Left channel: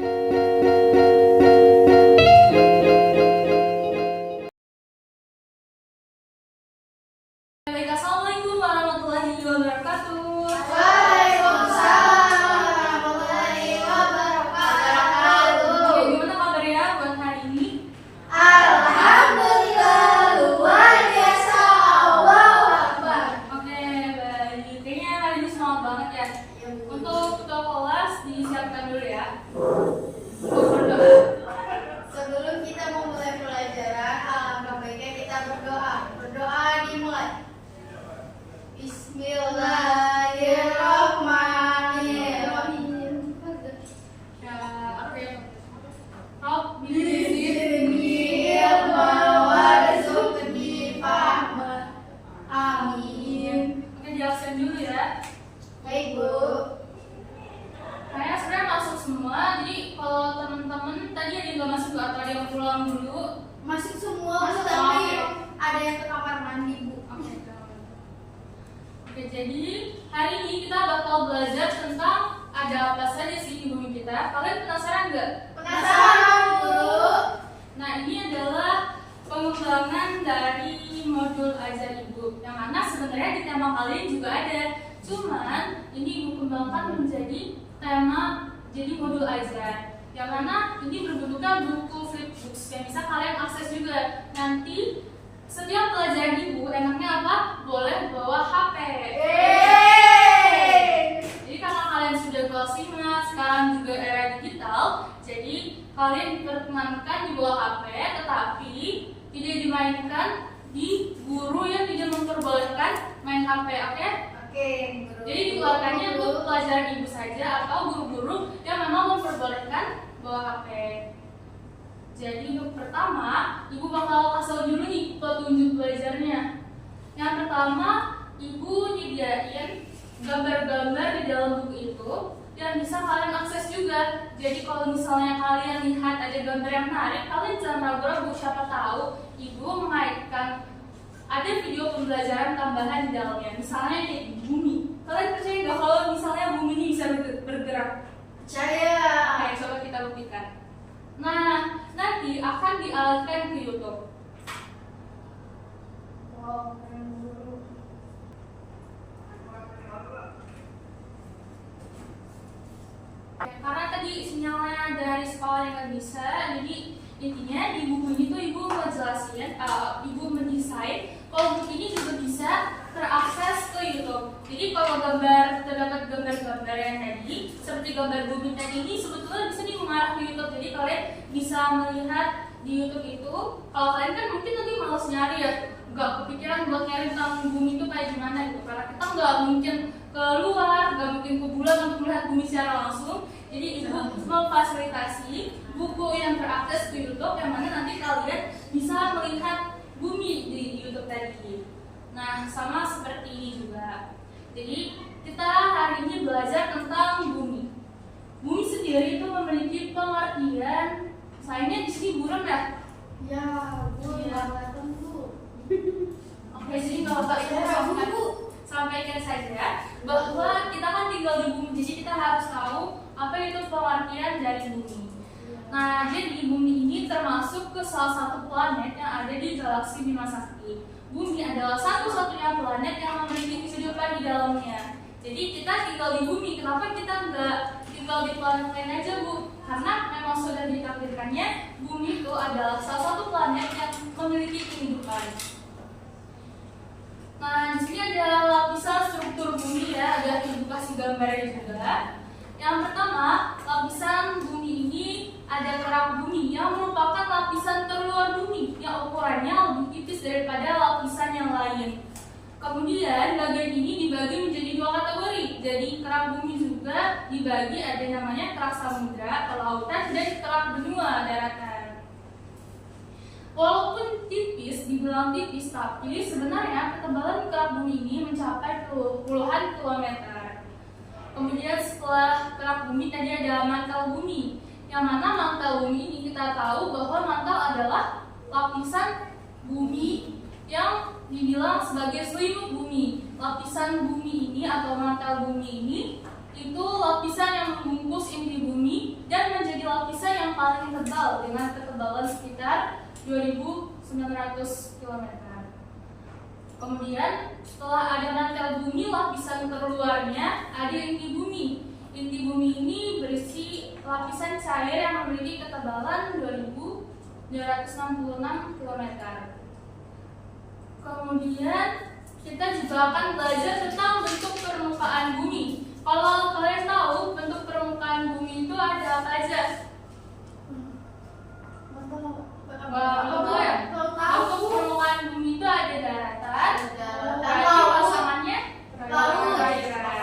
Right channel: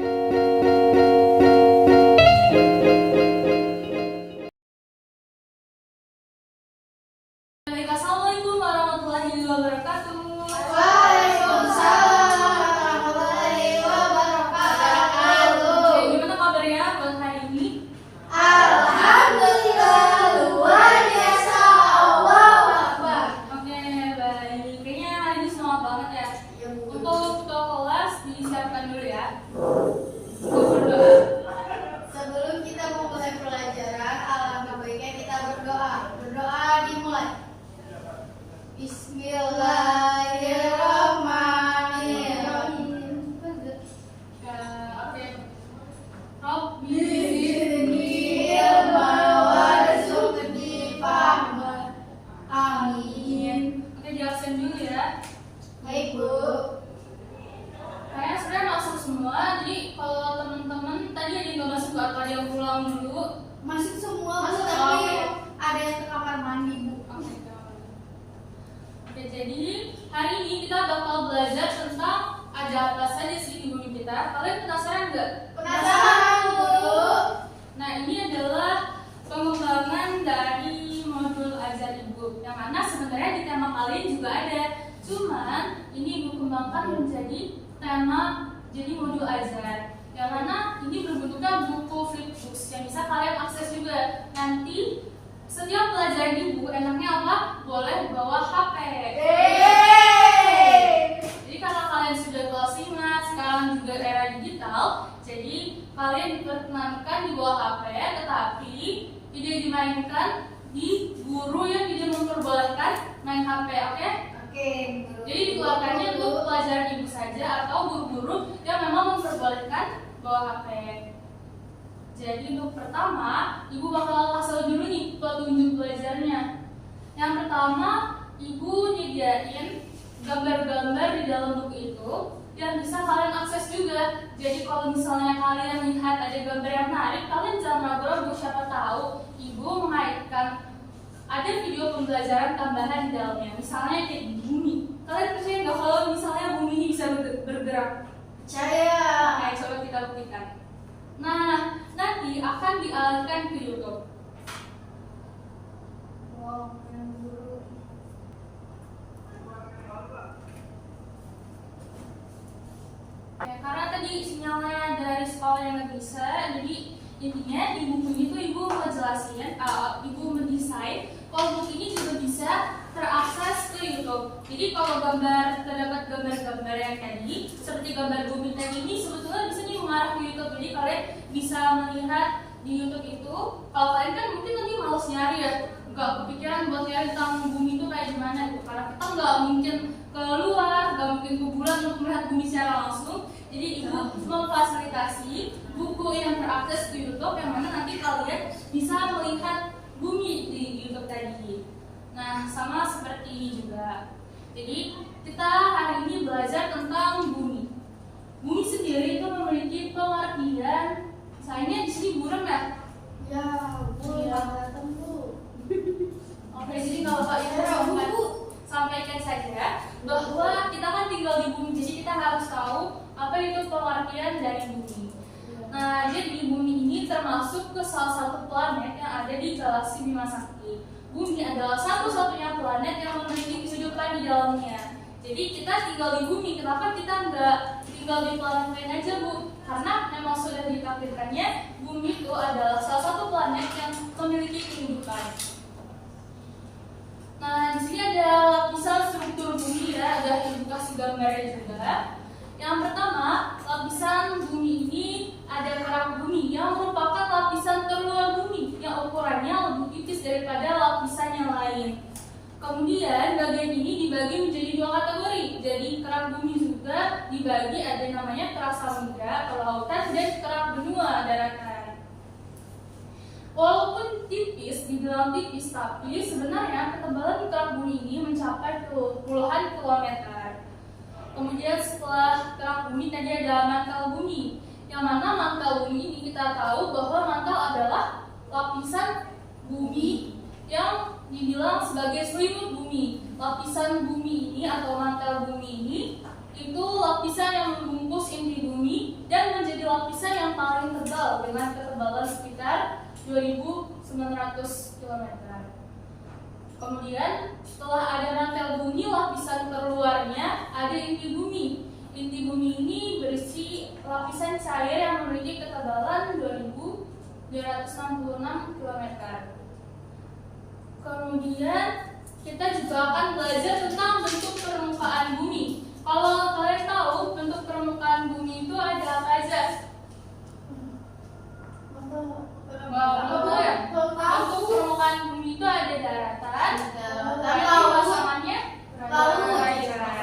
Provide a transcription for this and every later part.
Assalamualaikum warahmatullahi wabarakatuh. Waalaikumsalam warahmatullahi wabarakatuh. Gimana kabarnya buat hari ini? Alhamdulillah luar biasa. Allahu Akbar. Oke, baik. Kayaknya hari ini semangat banget ya. Untuk ketua kelas disiapkan dulu ya. Berdoa. Sebelum kita memulai pelajaran, alangkah baiknya kita berdoa. Berdoa dimulai. Bismillahirrahmanirrahim. Ya, oke. Rob, Zidni ilma warzuqni fahma. Amin. Oke, jelasin dulu ya. Baik, Bu. Kayaknya sebenarnya masuk semua. Jadi kalau teman-teman tadi ada yang nggak masuk atau ada yang pulang dulu? Masuk semua, Bu, Masuk. tapi ada yang ke kamar mandi, Bu. Oke, jadi hari ini kita bakal belajar tentang ada apa saja sih di bumi kita. Kalian penasaran nggak? Penasaran, Bu? Nah, ini adalah pengembangan dari modul Ajar Ibu, yang mana sebenarnya di tema kalian juga ada. Cuman ini Ibu kembangkan menjadi tema jadi modul Ajar, yang mana ini berbentuknya buku flipbooks yang bisa kalian akses juga. Nanti setiap pelajaran Ibu enaknya apa? Boleh bawa HP. Jadi karena kalian sudah kelas 5, sekarang juga era digital, jadi kalian diperkenankan di bawah HP, tetapi tidak dimainkan di guru yang tidak memperbolehkan main HP, oke? Oke. Jadi dikeluarkannya untuk pelajaran Ibu saja atau guru-guru yang memang memperbolehkan bawa HP. Jadi untuk pertama, Ibu bakal kasih tahu dulu nih petunjuk belajarnya. Yang pertama, Ibu nyediain gambar-gambar di dalam buku itu yang bisa kalian akses juga. Jadi kalau misalnya kalian lihat ada gambar yang menarik, kalian jangan ragu-ragu, siapa tahu Ibu mengaitkan ada video pembelajaran tambahan di dalamnya. Misalnya kayak di bumi. Kalian percaya nggak kalau misalnya bumi ini bisa bergerak? Percaya. Oke, coba kita buktikan. Nah, nanti akan dialihkan ke YouTube. Wow, keren, guru. Karena tadi sinyalnya dari sekolah yang nggak bisa, jadi intinya di buku ini tuh Ibu ngejelasin, Ibu mendesain kalau buku ini juga bisa terakses ke YouTube. Jadi kalau terdapat gambar-gambar yang tadi, seperti gambar bumi tadi ini sebetulnya bisa nih mengarah ke YouTube. Jadi kalian bisa melihat di YouTube itu. Kalau kalian kan mungkin nanti males nyari ya, nggak kepikiran buat nyari tentang bumi itu kayak gimana gitu. Karena kita nggak mungkin keluar, nggak mungkin ke bulan untuk melihat bumi secara langsung. Jadi Ibu memfasilitasi buku yang terakses di YouTube, yang mana nanti kalian bisa melihat bumi di YouTube tadi. Nah, sama seperti ini juga. Jadi kita hari ini belajar tentang bumi. Bumi sendiri itu memiliki pengertian. Sayangnya di sini buram ya. Ya, Bu, Iya. kelihatan, Bu. Oke, jadi kalau Bapak Ibu sampaikan saja bahwa kita kan tinggal di bumi, jadi kita harus tahu apa itu pengertian dari bumi. Nah, jadi bumi ini termasuk ke salah satu planet yang ada di galaksi Bima Sakti. Bumi adalah satu-satunya planet yang memiliki kehidupan di dalamnya. Jadi kita tinggal di bumi, kenapa kita nggak tinggal di planet lain aja, Bu? Karena memang sudah ditakdirkannya bumi itu adalah salah satu planet yang memiliki kehidupan. Nah, di sini ada lapisan struktur bumi ya, ada Ibu kasih gambarnya juga. Yang pertama, lapisan bumi ini ada kerak bumi yang merupakan lapisan terluar bumi yang ukurannya lebih tipis daripada lapisan yang lain. Kemudian bagian ini dibagi menjadi dua kategori. Jadi kerak bumi juga dibagi, ada namanya kerak samudra atau lautan dan kerak benua daratan. Walaupun tipis, dibilang tipis, tapi sebenarnya ketebalan kerak bumi ini mencapai puluhan kilometer. Kemudian setelah kerak bumi tadi ada mantel bumi, yang mana mantel bumi ini kita tahu bahwa mantel adalah lapisan bumi yang dibilang sebagai selimut bumi. Lapisan bumi ini atau mantel bumi ini itu lapisan yang membungkus inti bumi dan menjadi paling tebal dengan ketebalan sekitar 2.900 km. Kemudian setelah ada mantel bumi, lapisan terluarnya ada inti bumi. Inti bumi ini berisi lapisan cair yang memiliki ketebalan 2.266 km. Kemudian kita juga akan belajar tentang bentuk permukaan bumi. Kalau kalian tahu bentuk permukaan bumi itu ada apa aja? Tahu ya? Bentuk permukaan bumi itu ada daratan, berarti pasangannya perairan.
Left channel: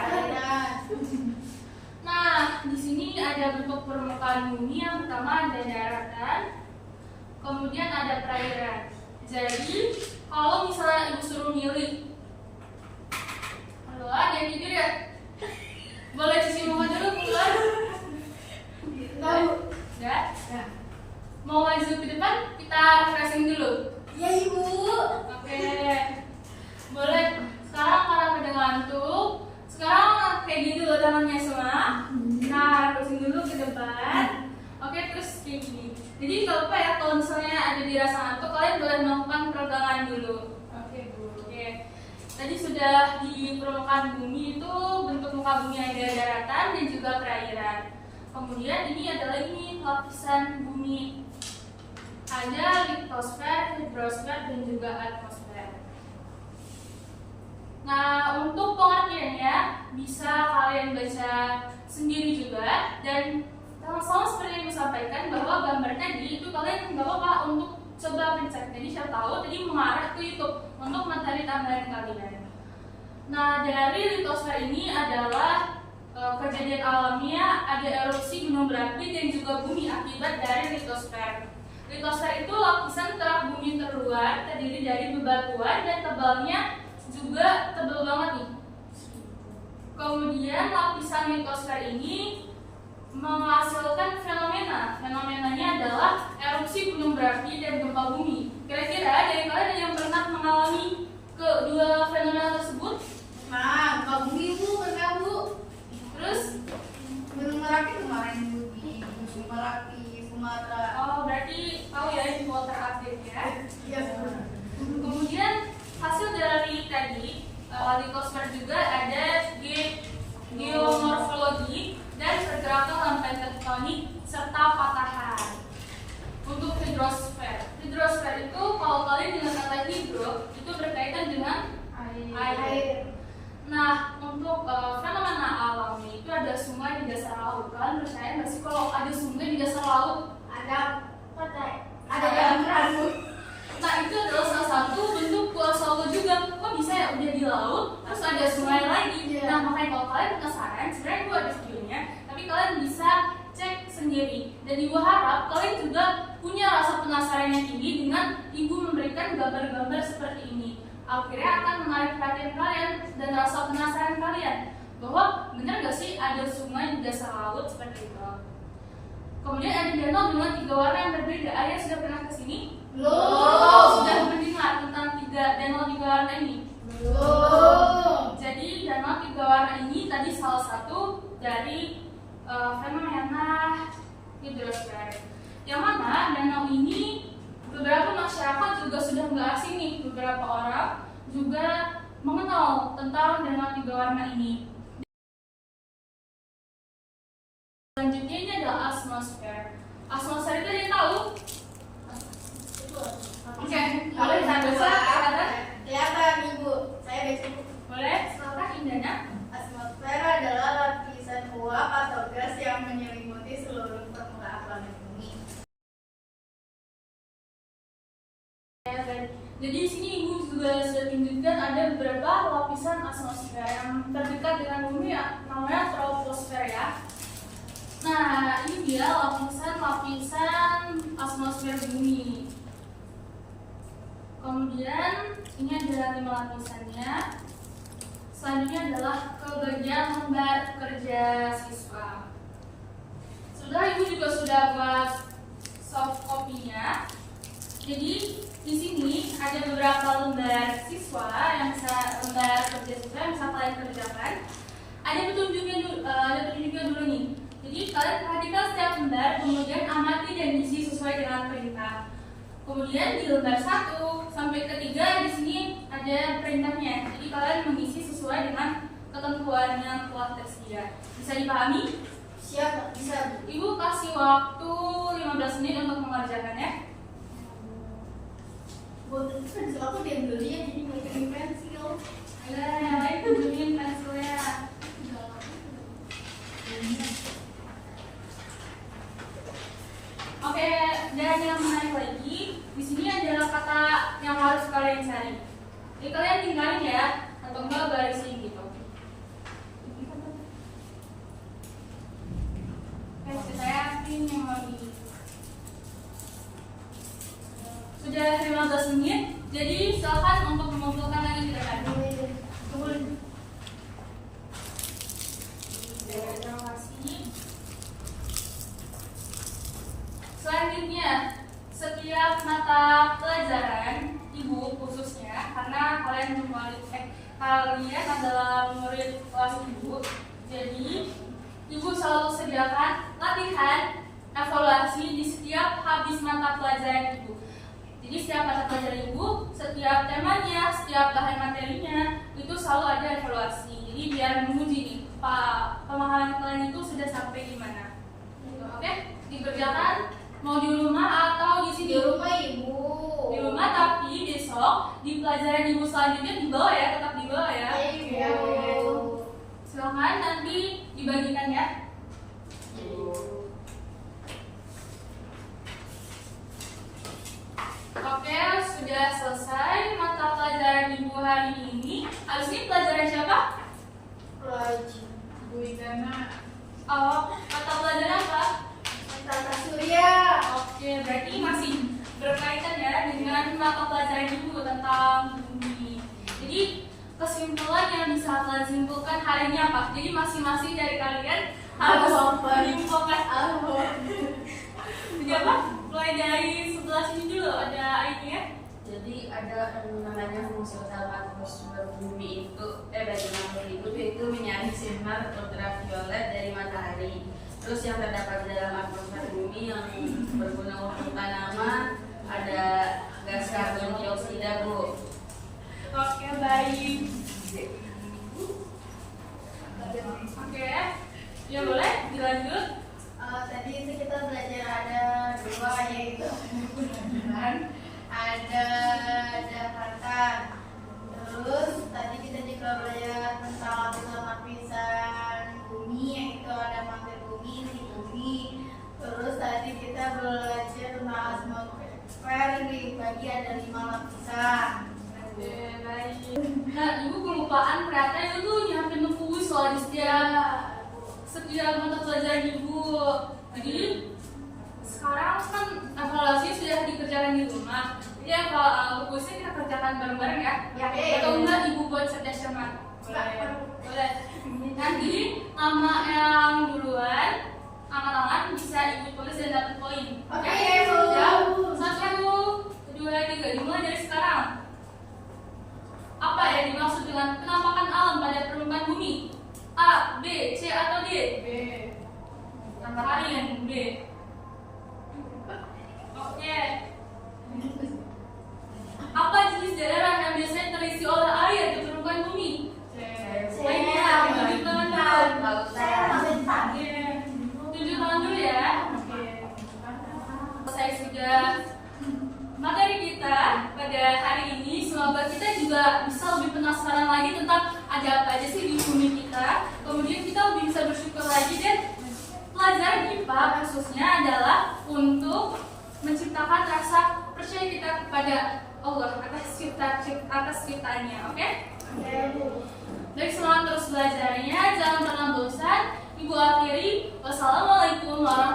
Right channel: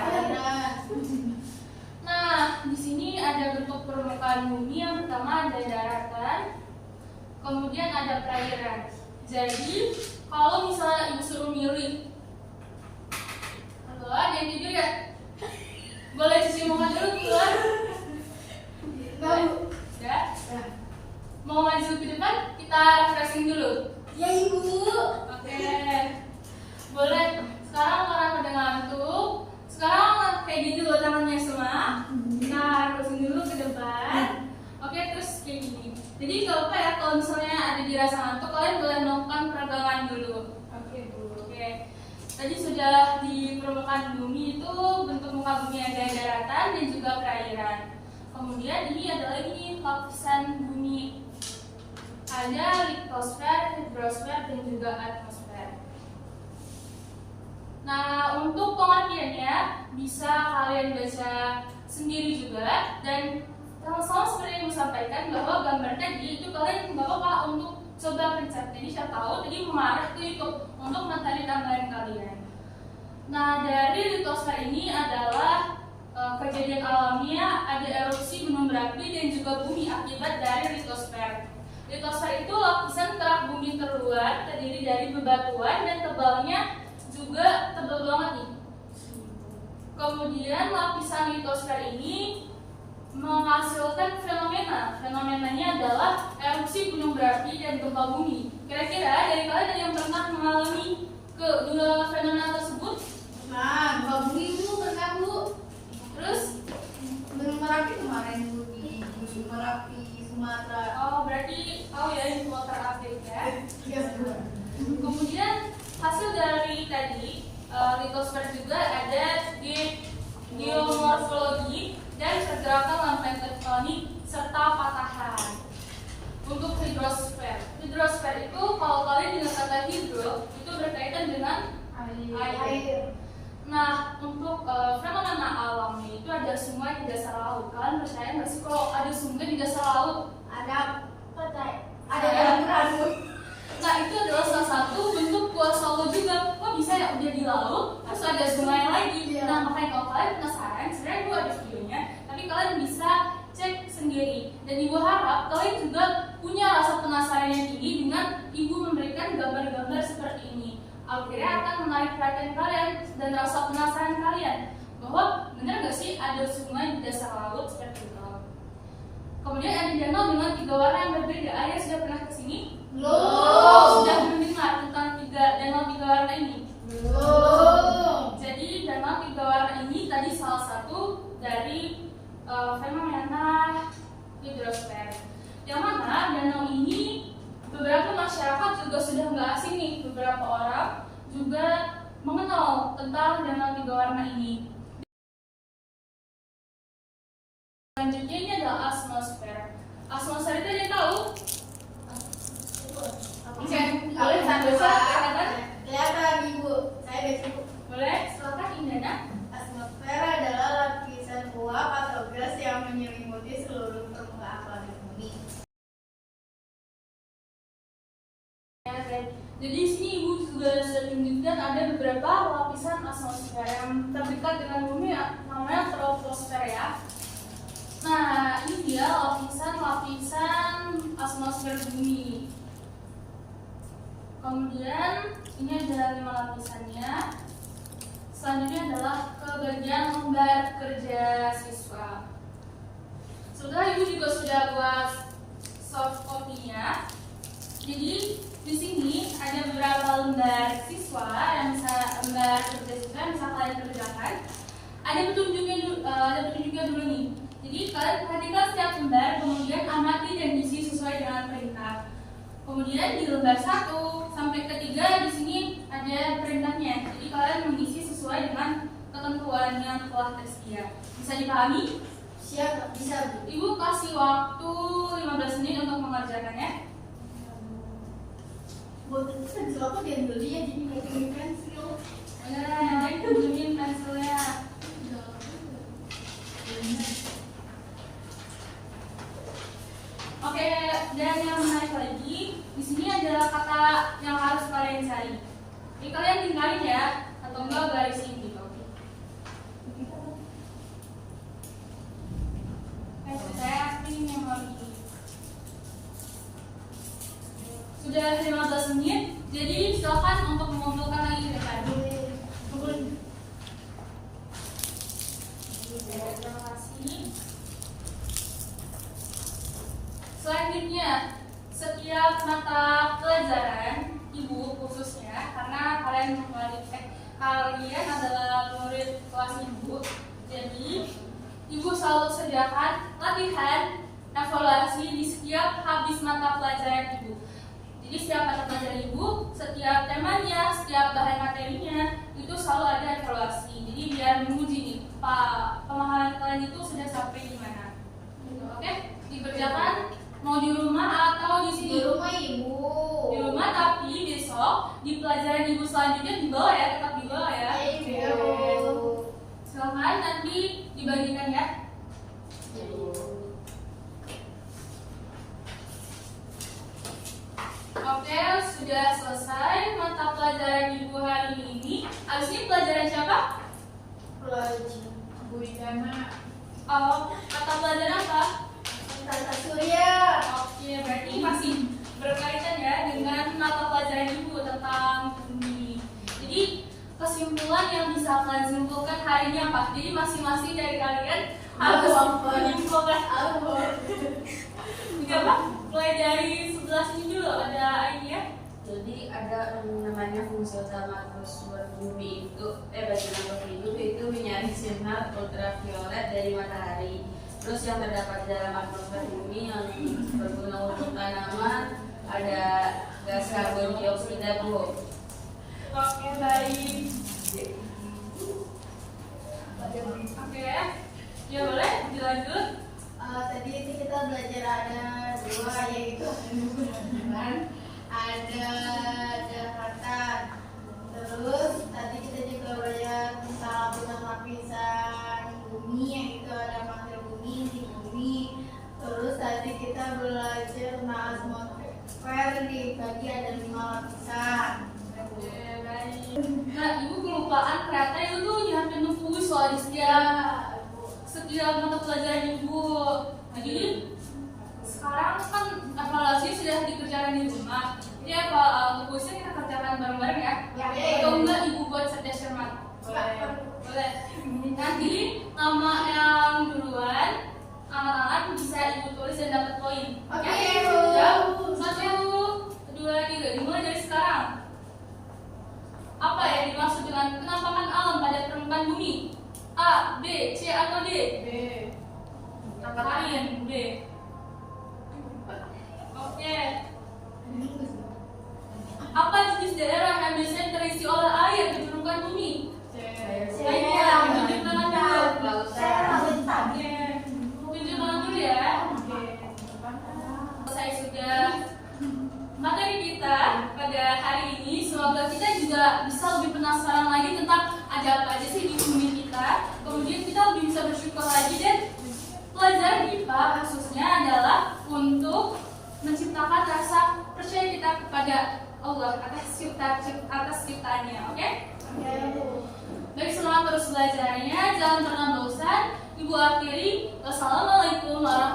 Nah, di sini ada bentuk permukaan bumi. Yang pertama ada daratan, kemudian ada perairan. Jadi, kalau misalnya ibu suruh milih, halo, ada yang tidur ya? Boleh cuci muka dulu keluar? Udah? Ya. Mau maju ke depan? Kita refreshing dulu. Ya ibu. Oke. Boleh. Sekarang karena pada ngantuk, sekarang kayak gini dulu tangannya semua. Nah, refreshing dulu ke depan. Oke, terus kayak gini. Jadi nggak apa ya kalau misalnya ada dirasa ngantuk, kalian boleh melakukan peregangan dulu. Oke, Bu. Oke. Tadi sudah di permukaan bumi itu bentuk muka bumi ada daratan dan juga perairan. Kemudian ini adalah lapisan bumi. Ada litosfer, hidrosfer, dan juga atmosfer. Nah, untuk pengertiannya bisa kalian baca sendiri juga, dan sama seperti yang disampaikan bahwa gambar tadi itu kalian nggak apa-apa untuk coba pencet. Jadi siapa tahu tadi mengarah ke YouTube untuk mencari tambahan kalian. Nah, dari litosfer ini adalah kejadian alamiah, ada erupsi gunung berapi dan juga bumi akibat dari litosfer. Litosfer itu lapisan kerak bumi terluar terdiri dari bebatuan dan tebalnya juga tebal banget nih. Kemudian lapisan litosfer ini menghasilkan fenomena. Fenomenanya adalah erupsi gunung berapi dan gempa bumi. Kira-kira dari kalian ada yang pernah mengalami kedua fenomena tersebut? Nah, gempa bumi bu, pernah bu. Terus? Gunung Merapi kemarin bu di Gunung Merapi, Sumatera. Oh, berarti tahu ya info terupdate ya. Iya. Kemudian hasil dari tadi litosfer juga ada geomorfologi dan pergerakan lempeng tektonik serta patahan. Untuk hidrosfer itu kalau kalian dengar kata hidro itu berkaitan dengan air. Nah, untuk fenomena alamnya itu ada sungai di dasar laut. Kalian percaya nggak sih kalau ada sungai di dasar laut? Ada pantai. Ada yang rambut. Nah, itu adalah salah satu bentuk kuasa Allah juga. Kok bisa ya udah di laut, terus ada sungai lagi? Iya. Nah, makanya kalau kalian penasaran, sebenarnya gue ada videonya, tapi kalian bisa cek sendiri. Dan ibu harap kalian juga punya rasa penasaran yang tinggi dengan ibu memberikan gambar-gambar seperti ini. Akhirnya akan menarik perhatian kalian dan rasa penasaran kalian bahwa benar nggak sih ada sungai di dasar laut seperti itu. Kemudian ada danau dengan 3 warna yang berbeda. Ada yang sudah pernah kesini? Belum. Sudah mendengar tentang danau 3 warna ini? Belum. Jadi danau 3 warna ini tadi salah satu dari fenomena hidrosfer. Yang mana danau ini beberapa masyarakat juga sudah nggak asing nih. Beberapa orang juga mengenal tentang danau 3 warna ini. Selanjutnya ini adalah atmosfer. Atmosfer itu ada yang tahu? Oke, boleh saya baca kelihatan? Kelihatan ibu, saya udah cukup. Boleh, silakan Indana. Atmosfer adalah lapisan uap atau gas yang menyelimuti seluruh permukaan planet bumi. Jadi di sini ibu juga sudah tunjukkan ada beberapa lapisan atmosfer yang terdekat dengan bumi ya, namanya troposfer ya. Nah, ini dia lapisan atmosfer bumi. Kemudian ini adalah 5 lapisannya. Selanjutnya adalah kebagian lembar kerja siswa. Sudah, ibu juga sudah buat soft copy-nya. Jadi di sini ada beberapa lembar siswa yang bisa lembar kerja siswa yang bisa kalian kerjakan. Ada petunjuknya dulu nih. Jadi kalian perhatikan setiap lembar, kemudian amati dan Kemudian di lembar 1 sampai ke 3 di sini ada perintahnya. Jadi kalian mengisi sesuai dengan ketentuan yang telah tersedia. Bisa dipahami? Siap, bisa Bu. Ibu kasih waktu 15 menit untuk mengerjakannya. Buat itu pensil aku diambil dia jadi nggak pensil. Yang lain pinjemin pensilnya. Oke, dan yang menarik lagi, di sini adalah kata yang harus kalian cari. Jadi kalian tinggalin ya, atau enggak garisin gitu. Saya tim memori. Sudah 15 menit, jadi silakan untuk mengumpulkan lagi datanya. Terima kasih. Selanjutnya, setiap mata pelajaran ibu khususnya karena kalian adalah murid kelas ibu, jadi ibu selalu sediakan latihan evaluasi di setiap habis mata pelajaran ibu. Jadi setiap mata pelajaran ibu, setiap temanya, setiap bahan materinya itu selalu ada evaluasi. Jadi biar menguji nih, pemahaman kalian itu sudah sampai di mana. Oke, dikerjakan mau di rumah atau di sini? Di rumah Ibu. Di rumah, tapi besok di pelajaran ibu selanjutnya dibawa ya, tetap dibawa ya. Iya, Oke. Silakan nanti dibagikan ya. Oke, sudah selesai mata pelajaran ibu hari ini. Habis ini pelajaran siapa? Pelajaran Bu Idana. Oh, mata pelajaran apa? Tata Surya. Oke, berarti masih berkaitan ya dengan mata pelajaran ibu tentang bumi. Jadi kesimpulan yang bisa kalian simpulkan hari ini apa? Jadi masing-masing dari kalian harus menyimpulkan. Jadi apa? Mulai dari sebelah sini dulu ada ini ya. Jadi ada namanya fungsi utama atmosfer bumi itu bagi makhluk hidup itu menyaring sinar ultraviolet dari matahari. Terus yang terdapat dalam atmosfer bumi yang berguna untuk tanaman ada gas karbon dioksida, Bu. Oke, baik. Oke, ya boleh dilanjut. Tadi itu kita belajar ada dua, yaitu ada Jakarta. Terus tadi kita juga belajar tentang lapisan bumi, yaitu ada mantel bumi, inti bumi. Terus tadi kita belajar tentang atmosfer, dibagi ada 5 lapisan. Oke, baik. Nah, ibu kelupaan ternyata itu tuh nyiapin puisi soal di setiap mata pelajaran ibu. Jadi sekarang kan evaluasi sudah dikerjakan di rumah. Jadi kalau puisi kita kerjakan bareng-bareng ya. Atau enggak ibu buat cerdas cermat? Boleh. Nanti nama yang duluan, angan-angan bisa ibu tulis dan dapat poin. Oke, Siap? 1, 2, 3. Dimulai dari sekarang. Apa yang dimaksud dengan penampakan alam pada permukaan bumi? A, B, C atau D? B. Yang lain B. Oke. Apa jenis daerah yang biasanya terisi oleh air di permukaan bumi? Ayo, tunjuk tangan dulu. Oke. Tunjuk tangan dulu ya. Selesai sudah materi kita pada hari ini. Semoga kita juga bisa lebih penasaran lagi tentang ada apa aja sih di bumi kita. Kemudian kita lebih bisa bersyukur lagi, dan pelajaran IPA khususnya adalah untuk menciptakan rasa percaya kita kepada Allah atas ciptaannya. Oke? Baik, semangat terus belajarnya, jangan pernah bosan. Ibu akhiri, wassalamualaikum warahmatullahi wabarakatuh.